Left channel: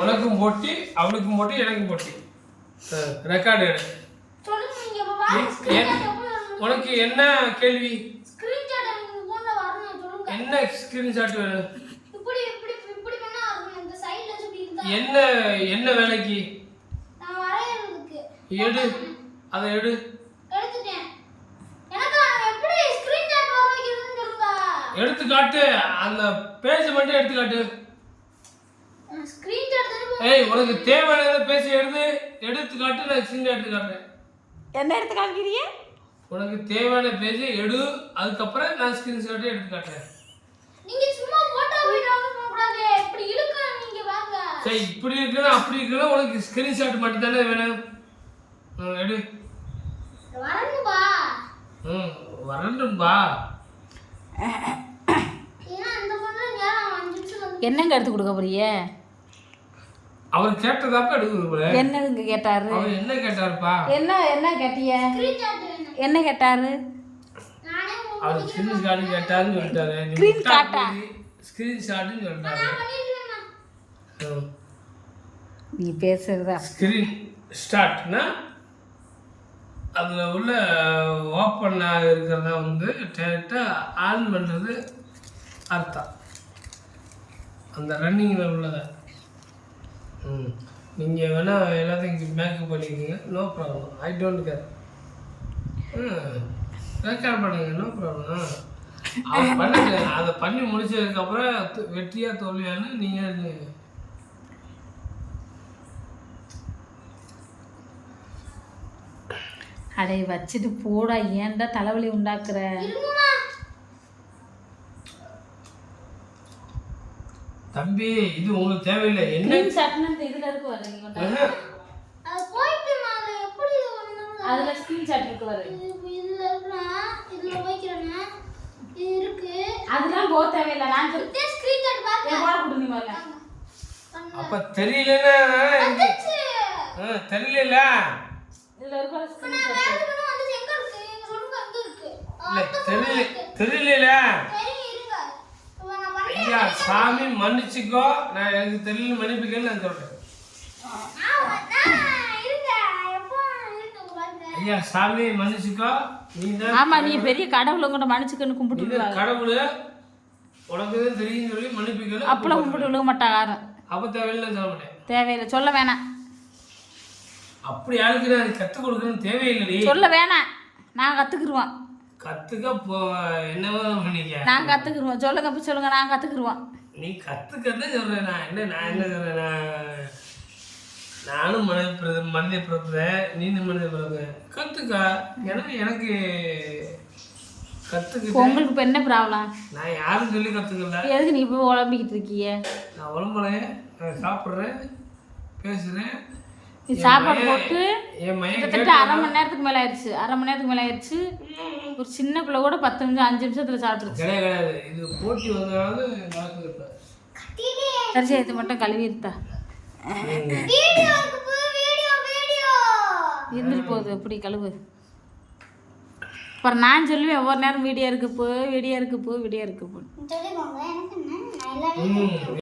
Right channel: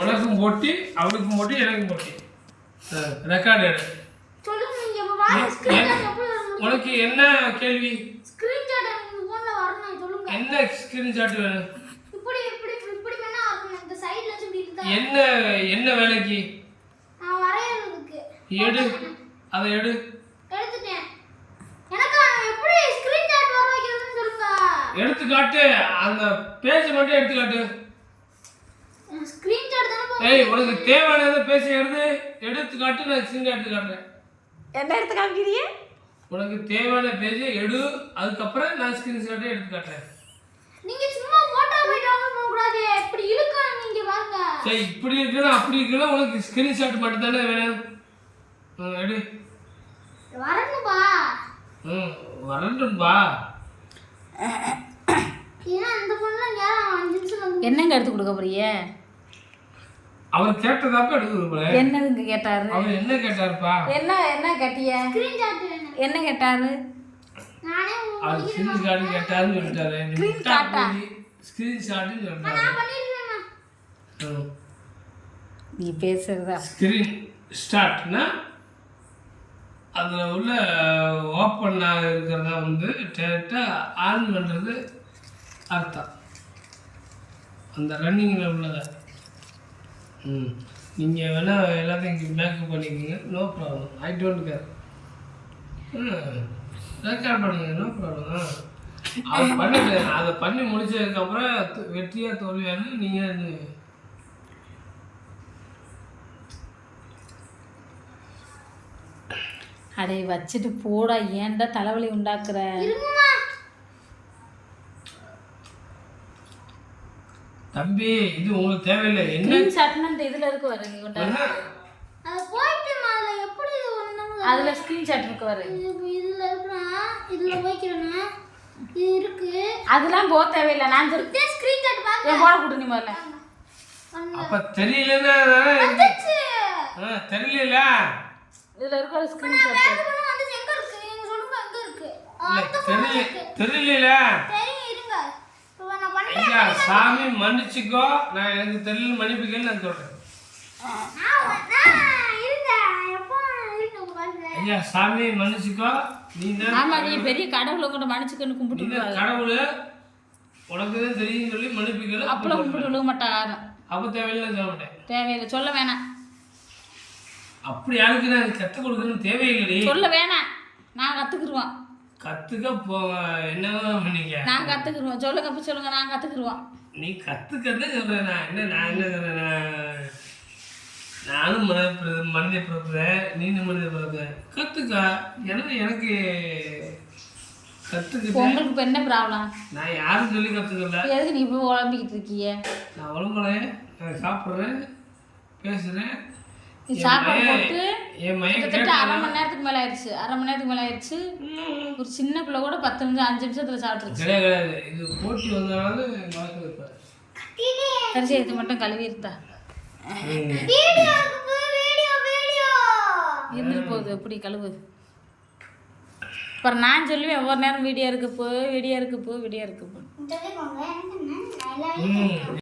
உனக்கும் போட்டி, அவளுக்கும் போட்டி, எனக்கும் போட்டி. ரெக்கார்டு எடு. உனக்கு என்ன கேள்வி? என்ன ஸ்கிரீன்ஷாட் வேணும்? என்ன என்ன வேலைக்கு? எடு, அதை எடு. எடுத்து காட்டு, அந்த பேஜ் மட்டும் எடுத்து காட்டு. ஏய், உனக்கு தேவையானதை பேச எடுத்து காட்டு, நான் ஸ்கிரீன் எடுத்து காட்டுறேன். என்ன எடுத்து காட்டுறீங்க? உனக்கு தேவையான பேஜ் எடு, அதுக்கப்புறம் நான் ஸ்கிரீன்ஷாட் எடுத்து காட்டுறேன். நீங்க சும்மா போட்டோ வீடியோ பண்ண கூடாது. இப்படி இழுக்க நீங்க வாங்க. சரி, இப்படி இருக்குனா அப்படி இருக்குனா உனக்கு ஸ்கிரீன்ஷாட் மட்டும் தானே வேணும். எடு. வரணும்பா. வரணும்பா. ஏன்னா இந்த பொண்ணு நேரம் 5 நிமிஷம் வந்து என்னங்க எடுத்து கொடுக்க போறீங்க? அவர் கேட்டதாப்ப எடுத்து கொடுப்பேன். என்னங்க கேட்டாரு? அவர் என்ன கேட்டாருப்பா? என்ன கேட்டிய? ஸ்கிரீன்ஷாட் வேணும். என்ன கேட்டாரு? நானே அவர் ஸ்கிரீன்ஷாட் கேட்டாருன்னு சொல்லிட்டாரு. ஸ்கிரீன்ஷாட்னு சொல்லிட்டாரு. நான் பண்ணிட்டேன். நீ பேசுறதா? ஸ்கிரீன் ஸ்டார்ட்னா அதில் உள்ள ஓப்பன் இருக்கிறத வந்து டேரெக்டாக ஆன் பண்ணுறது அர்த்தம். அந்த ரன்னிங்கில் உள்ளதை நீங்கள் வேணால் எல்லாத்தையும் இங்கே மேக்கப் பண்ணிக்கோங்க. No problem. I don't care. Record பண்ணுங்க. No problem. அதை பண்ணுங்க. அதை பண்ணி முடிச்சதுக்கப்புறம் வெற்றியாக தோல்வியான்னு நீங்கள் அடே வச்சுட்டு போடா, ஏன்டா தலைவலி உண்டாக்குற? தம்பி, இது உங்களுக்கு தேவையில்லை. என்ன ஸ்கிரீன்ஷாட்னா இதுல இருக்கு வர, நீ கொண்டா அது போயிட்டு மால எப்படி வந்தாங்க? அதுல ஸ்கிரீன்ஷாட் இருக்கு வர. இதுல இருக்கா, இதுல வைக்கிறேனா, இது இருக்கு. அதெல்லாம் போ தேவையில்லை. நான் ஸ்கிரீன்ஷாட் பாருங்க. போட கொடு நீ முதல்ல. அப்ப தெரியலன்னா தெரியல. இதுல இருக்க ஒரு ஸ்கிரீன்ஷாட் வந்து எங்க இருக்கு? நீங்க சொல்லுங்க அங்க இருக்கு. இல்ல தெரியல. இருங்க. நான் பண்ணேன். ஐயா சாமி மன்னிச்சுக்கோ, நான் எனக்கு தெரியல மன்னிப்புக்கேன்னு நான் சொல்றேன். இருங்க. எப்போ இருங்க பாருங்க. ஐயா சாமி மன்னிச்சுக்கோ. ஆமா, நீ பெரிய கடவுளை கூட மன்னிச்சுக்கன்னு கும்பிட்டு விடுவாங்க. கடவுள் உனக்கு தான் தெரியும் சொல்லி மன்னிப்புக்கேன்னு அப்பெல்லாம் கும்பிட்டு விழுக மாட்டாங்க யாரும். அப்ப தேவையில்லைன்னு சொல்ல மாட்டேன். தேவையில்லை, சொல்ல வேணாம். அப்படி யாருக்கு நான் கற்றுக் கொடுக்கணும்னு தேவையில்லை. சொல்ல வேணாம், நான் கற்றுக்குருவோம். கற்றுக்க என்னவோ பண்ணிக்க. நான் கற்றுக்குருவோம். சொல்லுங்க, அப்போ சொல்லுங்க, நான் கற்றுக்குருவோம். நீ கற்றுக்கன்னு சொல்கிறேன். நான் என்ன சொல்கிறேன்? நானும் மனித பிறப்புறேன், நீனும் மனித பிறப்புறேன். கற்றுக்க. எனக்கு கற்றுக்க. உங்களுக்கு இப்போ என்ன ப்ராப்ளம்? நான் யாரும் சொல்லி கற்றுக்கல. எதுக்கு நீ இப்போ உழம்பிக்கிட்டு இருக்கிய? நான் உடம்புலையே நான் சாப்பிட்றேன், பேசுகிறேன். நீ சாப்பாடு போட்டு என் மையம் கிட்டத்தட்ட அரை மணி நேரத்துக்கு மேலே ஆயிடுச்சு. ஒரு சின்ன பிள்ளை கூட 10 நிமிஷம் 5 நிமிஷத்தில் சாப்பிட்டுருச்சு. கிடையாது. இது போட்டி வந்தனால நடக்குது. இப்போ சரி, இது மட்டும் கழுவி இருந்தா இருந்துட்டு போகுது. எப்படி கழுவுது? அப்புறம் நான் சொல்லுவேன் ஒவ்வொரு நேரம் வீடியோ இருக்கு போ. சொல்லிக்கோங்க. எனக்கு என்ன